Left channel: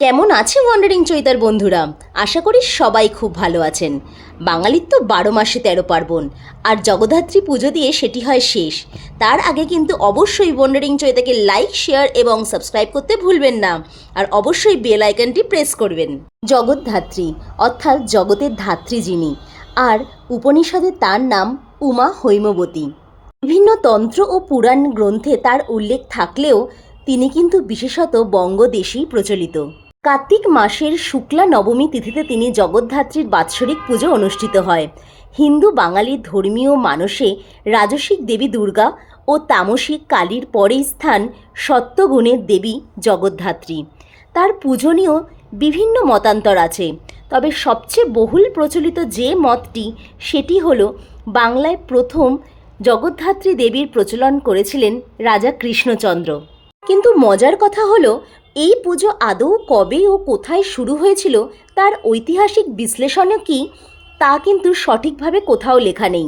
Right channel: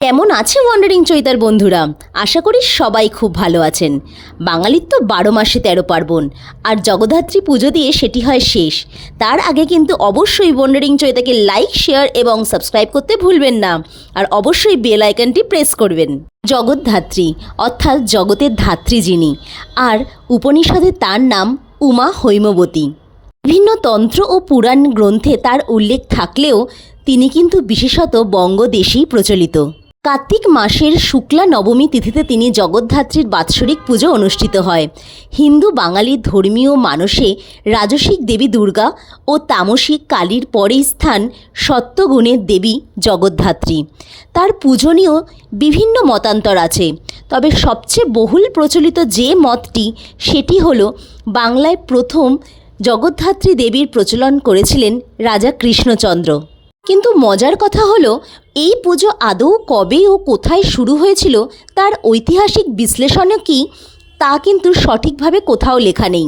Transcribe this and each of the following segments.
কেমন আছে ওয়ান্ডারিং চৈতার বন্ধুরা? আশা করি সবাই খুব ভালো আছেন। বাঙালির তো বারো মাসে তেরো পার্বণ, আর জগদ্ধাত্রী পুজো দিয়ে সেটি হয় শেষ। তার আগে কিন্তু অবশ্যই ওয়ান্ডারিং চৈতাকে লাইক শেয়ার এবং সাবস্ক্রাইব করতে ভুলবেন না, আর অবশ্যই বেল আইকনটি প্রেস করবেন। জগদ্ধাত্রী, অর্থাৎ জগতের ধাত্রী যিনি, আর উপনিষদে তার নাম উমা হৈমবতী। বিভিন্ন তন্ত্র ও পুরাণ গ্রন্থে তার উল্লেখ থাকলেও তিনি কিন্তু বিশেষত বঙ্গদেশেই প্রচলিত। কার্তিক মাসের শুক্লা নবমী তিথিতে তিনি জগদ্ধাত্রীর বাৎসরিক পুজো অনুষ্ঠিত হয়। হিন্দু বাঙালির ধর্মীয় মানসে রাজসিক দেবী দুর্গা ও তামসিক কালীর পরেই স্থান সত্যগুণের দেবী জগদ্ধাত্রী। তার পূজনীয় বিভিন্ন মতান্তর আছে। তবে সবচেয়ে বহুল প্রচলিত যে মতটি, সেটি হলো বাংলায় প্রথম জগদ্ধাত্রী দেবীর প্রচলন করেছিলেন রাজা কৃষ্ণচন্দ্র। কিন্তু মজার কথা হলো, এই পুজো আদৌ কবে ও কোথায় শুরু হয়েছিল তার ঐতিহাসিক বিশ্লেষণও কি, তা কিন্তু সঠিকভাবে কোথাও লেখা নেই।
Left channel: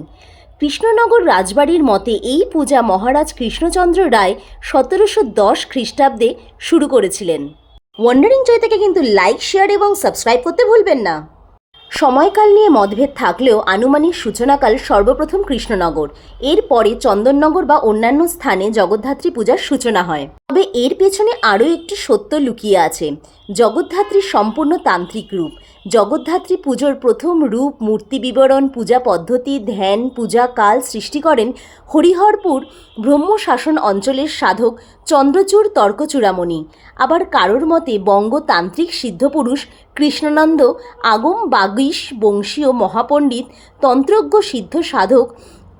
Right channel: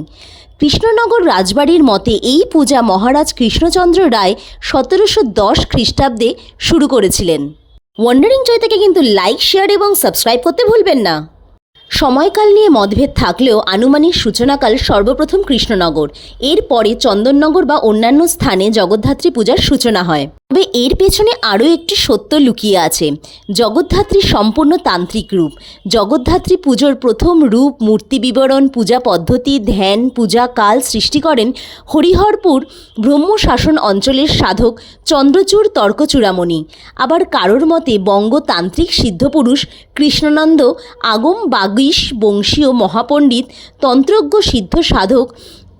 কৃষ্ণনগর রাজবাড়ির মতে এই পূজা মহারাজ কৃষ্ণচন্দ্র রায় সতেরোশো দশ খ্রিস্টাব্দে শুরু করেছিলেন। ওয়ান্ডারিং চৈতাকে কিন্তু লাইক শেয়ার এবং সাবস্ক্রাইব করতে ভুলবেন না। সময়কাল নিয়ে মতভেদ থাকলেও আনুমানিক সূচনাকাল সর্বপ্রথম কৃষ্ণনগর। এরপরে চন্দননগর বা অন্যান্য স্থানে জগদ্ধাত্রী পূজার সূচনা হয়। তবে এর পেছনে আরও একটি সত্য লুকিয়ে আছে। জগদ্ধাত্রীর সম্পূর্ণ তান্ত্রিক রূপ। জগদ্ধাত্রী পুজোর প্রথম রূপ, মূর্তি বিবরণ, পূজা পদ্ধতি, ধ্যান, পূজা কাল সৃষ্টি করেন হরিহরপুর ব্রহ্মশাসন অঞ্চলের সাধক চন্দ্রচূড় তর্কচূড়ামণি। আবার কারোর মতে বঙ্গতান্ত্রিক সিদ্ধপুরুষ কৃষ্ণনন্দ আগম বাগীশ বংশীয় মহাপণ্ডিত, তন্ত্রজ্ঞ সিদ্ধ সাধক,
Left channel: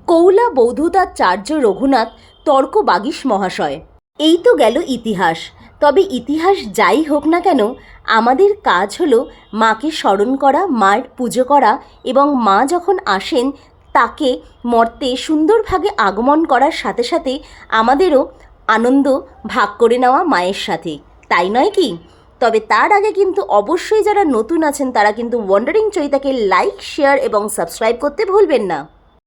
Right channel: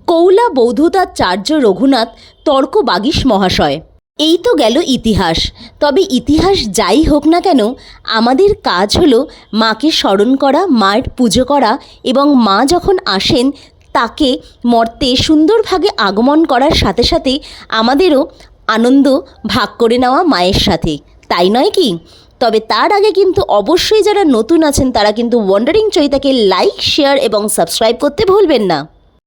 কৌলা বৌদ্ধতাচার্য রঘুনাথ, তর্ক বাগীশ মহাশয়। এই তো গেল ইতিহাস। তবে ইতিহাস যাই হোক না কেন, আমাদের কাজ হলো মাকে স্মরণ করা, মায়ের পুজো করা এবং মা যখন আসেন, তাকে মর্তে সুন্দরভাবে আগমন করার সাথে সাথে আমাদেরও আনন্দ ভাগ করে নেওয়া মায়ের সাথে। তাই নয় কি? তবে তার আগে কিন্তু অবশ্যই যারা নতুন আছেন, তারা কিন্তু ওয়ান্ডারিং চৈতাকে লাইক শেয়ার এবং সাবস্ক্রাইব করতে ভুলবেন না।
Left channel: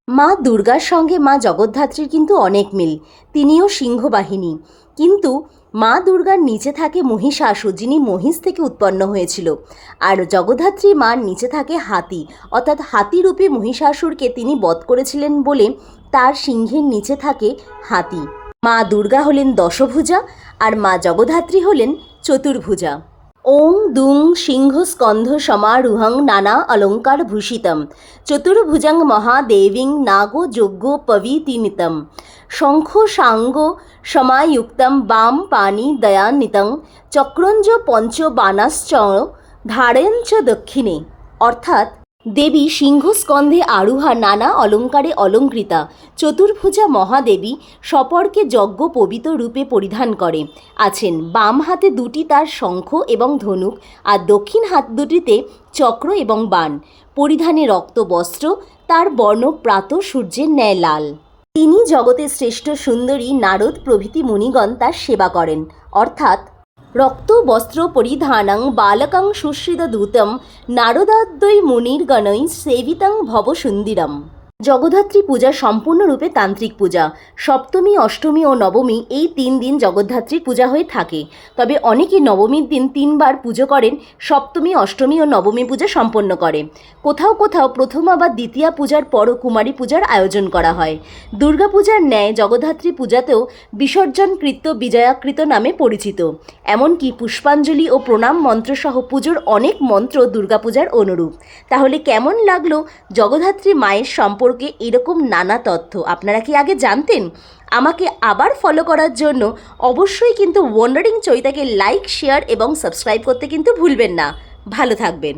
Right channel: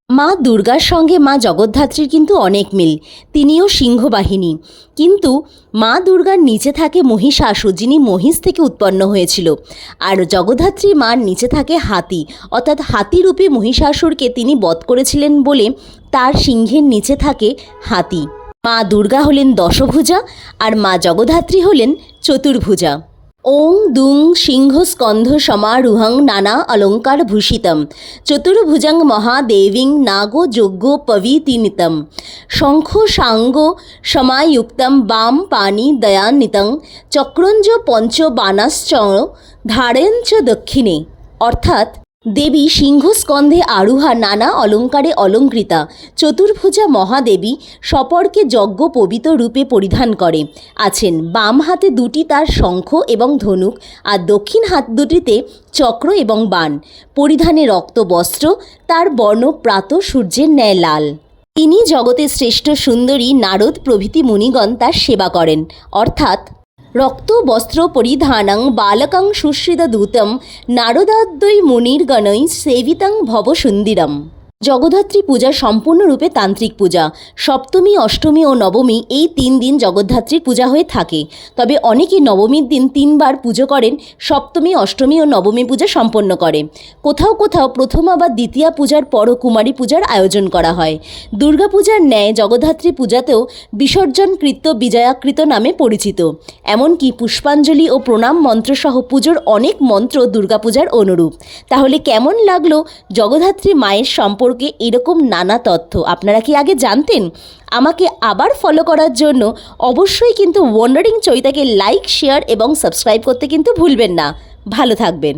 মা দুর্গার সঙ্গে মা জগদ্ধাত্রীর কিন্তু অনেক মিল। তিনিও সিংহবাহিনী। কিন্তু মা দুর্গার নিচে থাকে মহিষাসুর, যিনি মহিষ থেকে উৎপন্ন হয়েছিল। আর জগদ্ধাত্রী মার নিচে থাকে হাতি। অর্থাৎ হাতিরূপে মহিষাসুরকে তিনি বধ করেছিলেন বলে তার সিংহের নিচে থাকে হাতি। মা দুর্গা হলেন দশভুজা আর মা জগদ্ধাত্রী হলেন চতুর্ভুজা। ওং দুং সিংহ স্কন্ধ সমারুহং নানা অলঙ্কার ভূষিতম। চতুর্ভুজং মহাদেবীং নাগো যজ্ঞ পবিতিনিতম শঙ্খ সাঙ্গ সমায়ুক্তম বাম পানি দয়ান্বিতং। চক্রঞ্জ পঞ্চ বানাশ্চ ধারেঞ্চ দক্ষিণে। অর্থাৎ দেবী সিংহস্কন্ধে আরুহা নানা অলঙ্কারে অলঙ্কৃতা, চতুর্ভুজা মহাদেবী সপরকে যজ্ঞ পবিত রূপে পরিধান করে। আছেন বাম হাতে দুটি তার শঙ্খ এবং ধনুক আর দক্ষিণ হাত দুটিতে চক্র এবং বাণ। পরিধানে রক্ত বস্ত্র, তার বর্ণ প্রাত সূর্যের ন্যায় লাল। তিনি জগতের শ্রেষ্ঠ সুন্দরী নারদ প্রভৃতি মুনিগণ তার সেবা করেন। অর্থাৎ রক্ত বস্ত্র পরিধানং বালকং সুশ্রিতদূতম নারদাদ্বৈ মুনির্গণৈ সেবিতং ভবসুন্দিরম। জগদ্ধাত্রী পূজা সম্পূর্ণরূপে তান্ত্রিক পূজা। সপ্তমী, অষ্টমী ও নবমী এই তিন দিন জগদ্ধাত্রীর পূজা হয়ে থাকে। তবে অনেকে নবমীর দিন তিনবার পুজো করেন, সপ্তমী, অষ্টমী ও নবমী পূজা সম্পন্ন করে। কোথাও কোথাও প্রথমা বা দ্বিতীয়া পূজার পরও কুমারী পূজার আয়োজন করা হয়। দুর্গা পূজার ন্যায় জগদ্ধাত্রী পূজাতেও বিসর্জনকৃত বিজয়াকৃত নামে পরিচিত। এমনকি পুষ্পাঞ্জলি ও প্রণাম মন্ত্রসহ পুজোর অনেক মন্ত্র দুর্গাপূজার অনুরূপ। তাহলে কেমন লাগল জগদ্ধাত্রী মায়ের সম্পর্কে এরকম নানা তথ্য। আপনারা কি আগে জানতেন? আমাকে আবার ফলো করার জন্য অবশ্যই কিন্তু ওয়ান্ডারিং চৈতাকে লাইক শেয়ার এবং সাবস্ক্রাইব করতে কিন্তু ভুলবেন না। ভালো থাকবেন।